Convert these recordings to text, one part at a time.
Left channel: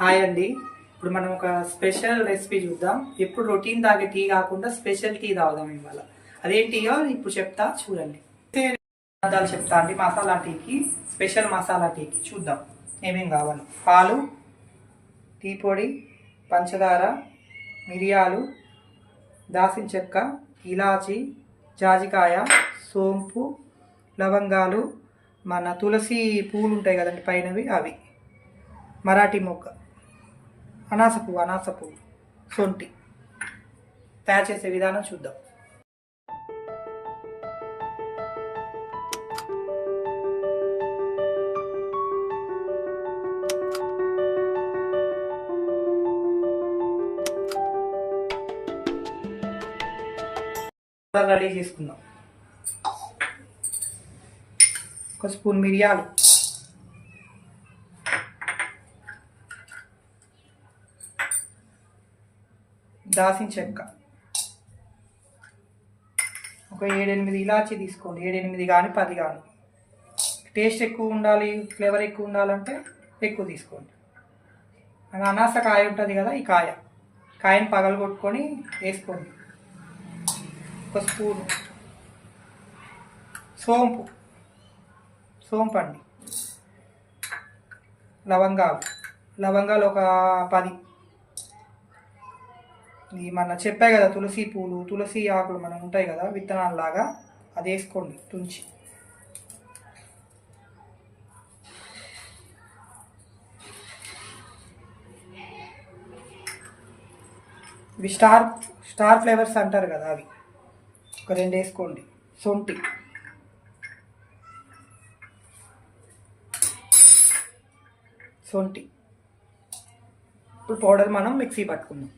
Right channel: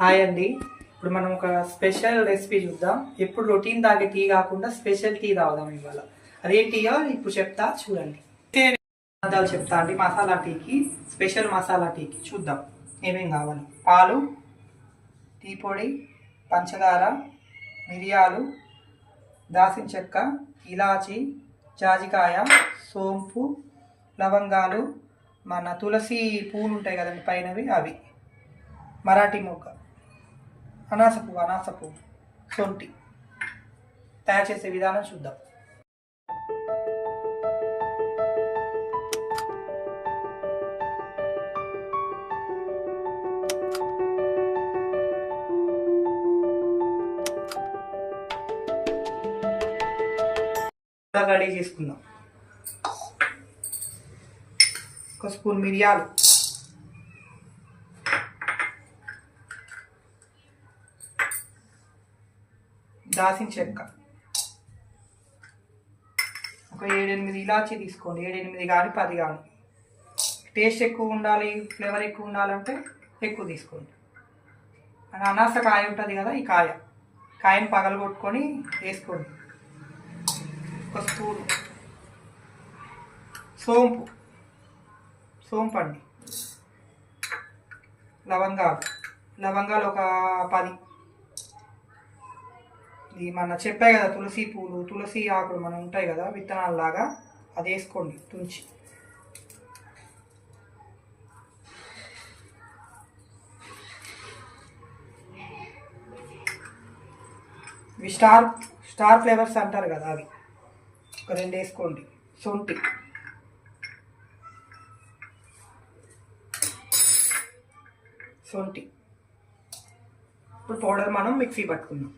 Hi అండి. ఇప్పుడు మనం ఒక స్పెషల్ రెసిపీ చూద్దాం. ఎప్పుడు రొటీన్ తాగే టీ కాకుండా స్పెషల్ టీ తాగుదాం ఇవాళ. అదేంటియో ఇప్పుడు చెప్తా చూడండి. పదార్థాలు చెప్తా అండి. మసాలా టీకి స్పెషల్ మసాలా టీకి చూద్దాం. ఏమేం కావాలి? పాలు టీ పొడి పంచదార మిరియాలు దాసిన చెక్క ఇలాచి జాజికాయ సోంపు లవంగాలు మన తులసి పూలు ఉంటాయి కదండి పైనవి అవి. మరాఠీ మొగ్గ. అనాస పువ్వు అనాస పువ్వు సొంటి తయారు చేసే విధానం చూద్దాం. రెడీ చేసుకుందాం. ఒక స్పూన్ మిరియాలు దాసిన చెక్క. ఒక ఏడెనిమిది ఇలాచి తీసుకోండి. ఏడెనిమిది కానీ పది కానీ. టేస్ట్ ఎక్కువ ఉండాలి ఫ్లేవర్ ఎక్కువ ఉండాలంటే ఎక్కువ తీసుకోండి. అది అనాస కాయ ఉంటుంది కదా ఈ కాయ. కాయని పగలగొట్టుకొని వేసుకోండి. ఒక స్పూన్. సోంపు. సోంపు అండి లవంగాలు. లవంగాలు ఒక పది. ఇది మన చెప్పాయి కదా తులసి పూలు తులసి ఆకులు మనం ఉంటాయి కదా విత్తనాలు లాగా అది వేసుకోండి తుంచి. ఇవి స్టార్ స్టార్ ఫ్లేవర్స్ అంటారు కదా అవి. ఒక రెండు వేసుకోండి సొంటి. సొంటి. ఇప్పుడు పౌడర్ మనం మిక్సీ పట్టుకుందాం.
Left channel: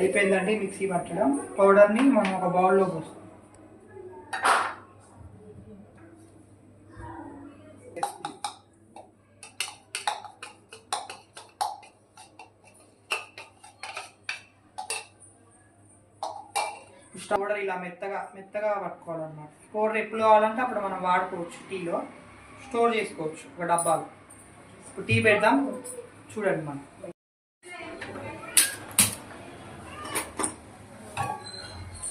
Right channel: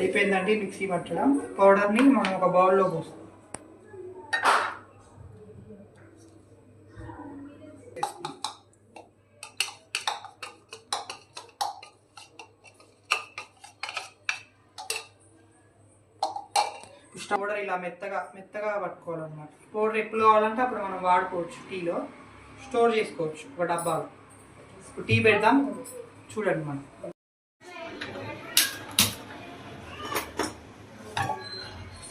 అయిపోయిందండి మిక్సీ పట్టడం. పౌడర్ని మనం ఒక బౌల్లో పోస్తాం. పౌడర్ ఇలా మెత్తగా మెత్తగా పట్టుకోవాలన్నమాట. పౌడర్ ఎప్పుడు కావాలంటే అప్పుడు మనం వాడుకోవచ్చు టీలో. స్టోర్ చేసుకోవచ్చు ఒక డబ్బాలో. ఇప్పుడు టీ పెడదాం. చూడండి మనం.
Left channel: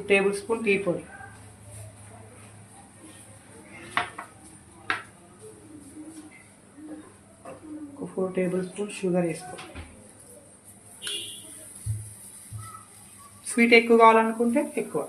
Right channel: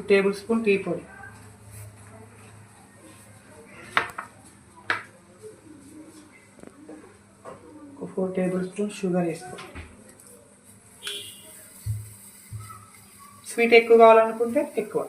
టూ టేబుల్ స్పూన్ టీ పొడి. ఫోర్ టేబుల్ స్పూన్ షుగర్ వేసుకో. స్వీట్ ఎక్కువ కావాలనుకుంటే ఎక్కువ.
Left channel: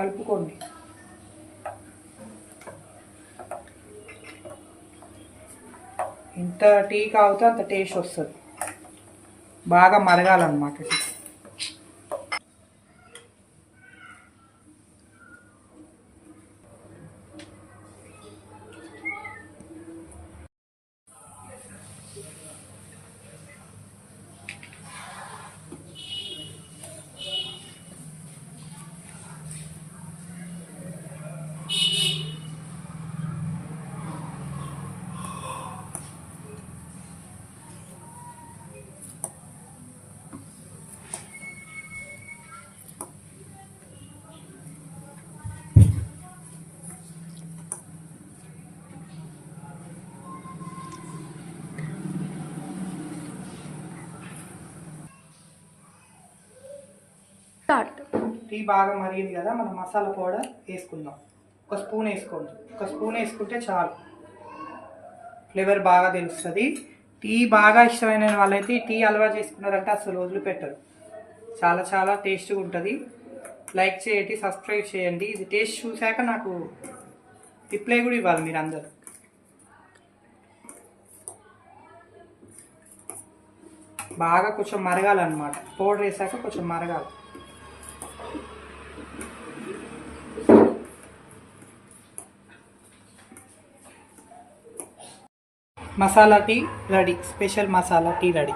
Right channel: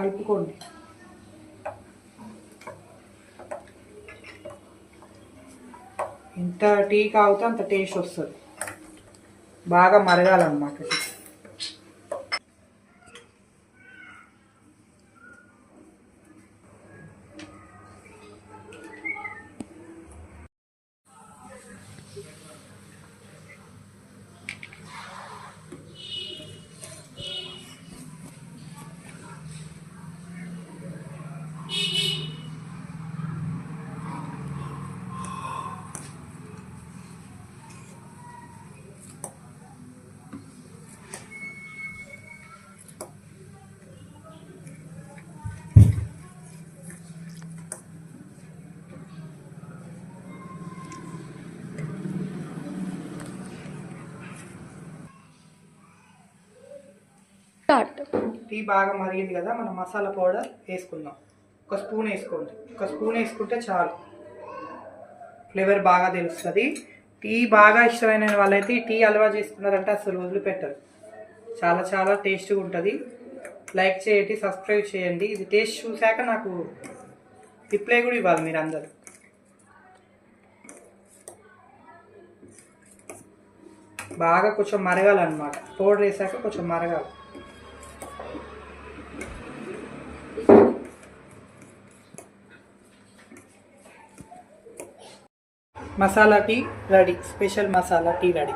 కలుపుకోండి ఎంత టీ కావుతో అంత టేస్ట్ వస్తుంది బాగా మరగాలన్నమాట టీ. స్టార్ట్. టీ బాగా మరిగింది కదా మనం మసాలా పౌడర్ వేసుకుందాం. ఒక స్పూన్ వేసుకోండి. ఒక స్పూన్ వేసుకుంటే చాలు. ఫ్లేవర్ బాగా తెలుస్తుంది. టీ బాగా ఇష్టమైన వాళ్ళైతే టీ అలవాటు చేసుకున్నారంటే అసలు వదిలిపెట్టరు. చాలా చాలా టేస్ట్గా ఉంటుంది. లైక్ చేయండి సబ్స్క్రైబ్ చేయండి. ఇది టేస్ట్ చూశాక నాకు రిప్లై కూడా ఇవ్వాలి మీరు అందరు. బాగా కొంచెం మరగాలన్నమాట. పౌడర్ వేసాక కొంచెం మరగాలి. Masala tea ready special masala tea ready.